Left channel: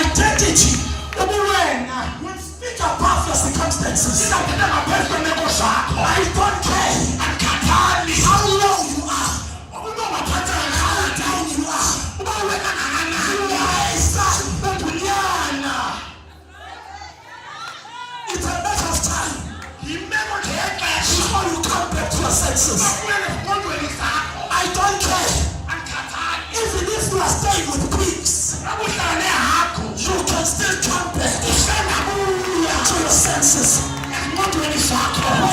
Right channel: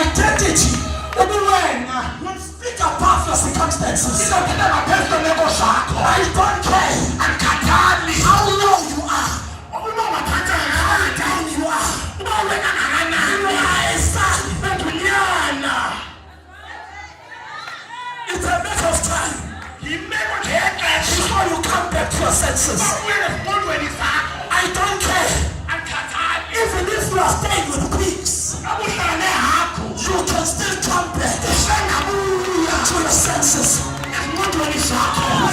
identity, you speak above your circumstances. I don't care how low you are, how down you are. It's a matter of time before you come back to your senses. I don't care. Even if you are staying with pigs, you can still come back to your senses. When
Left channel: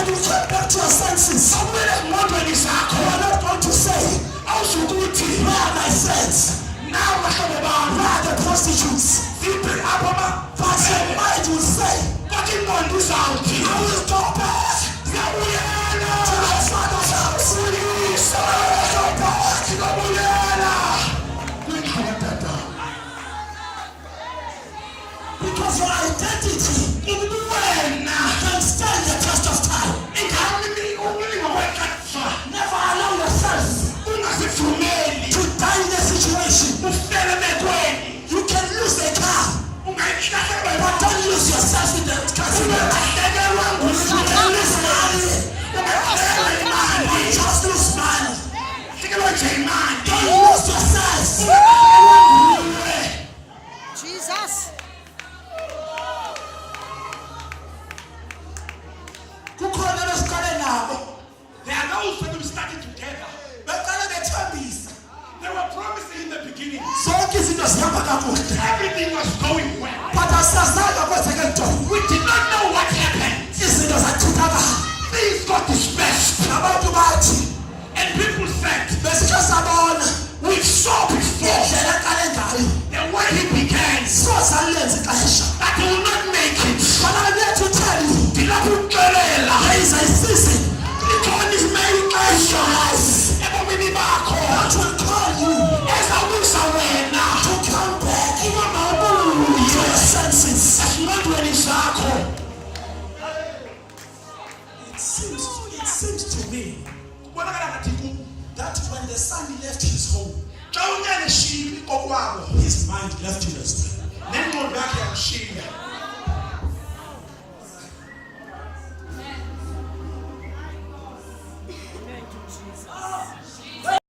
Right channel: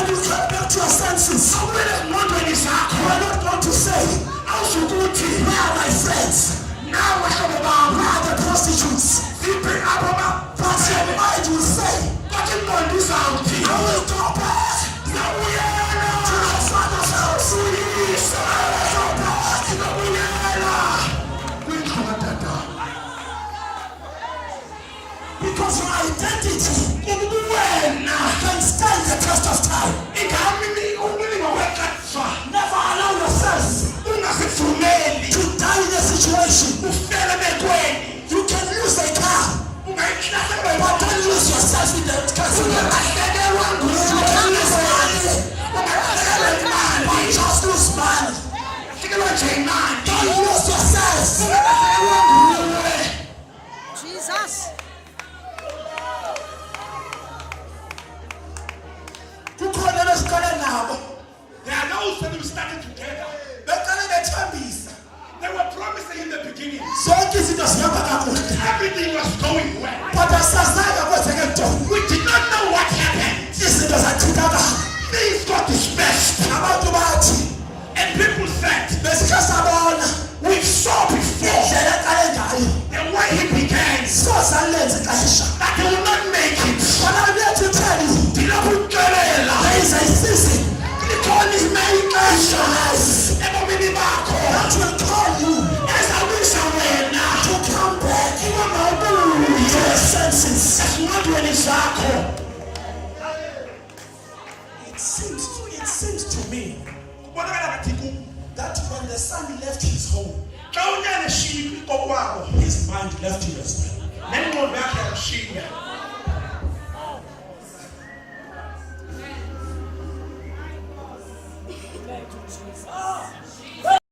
you come back to your senses, you are not going to say, where are my friends? Where are the prostitutes? But your mind will say, I will go back to my father's house. Because your identity can stand the test of time. Never allow yourself to die in a situation. You can lose a car, but don't lose yourself in the castle. You can lose money, but just lose money. Don't lose yourself. Jesus. There are those people starting together. They were promising in the beginning. Everything was going well. We did not know what happened. Things got dispersed. And people said, we saw before the way he began that he will not make it. But I'm here to tell you, there is a season. God is making measures that will call you to come back to your senses. It seems to me that when the son left his home, his mind left him as well.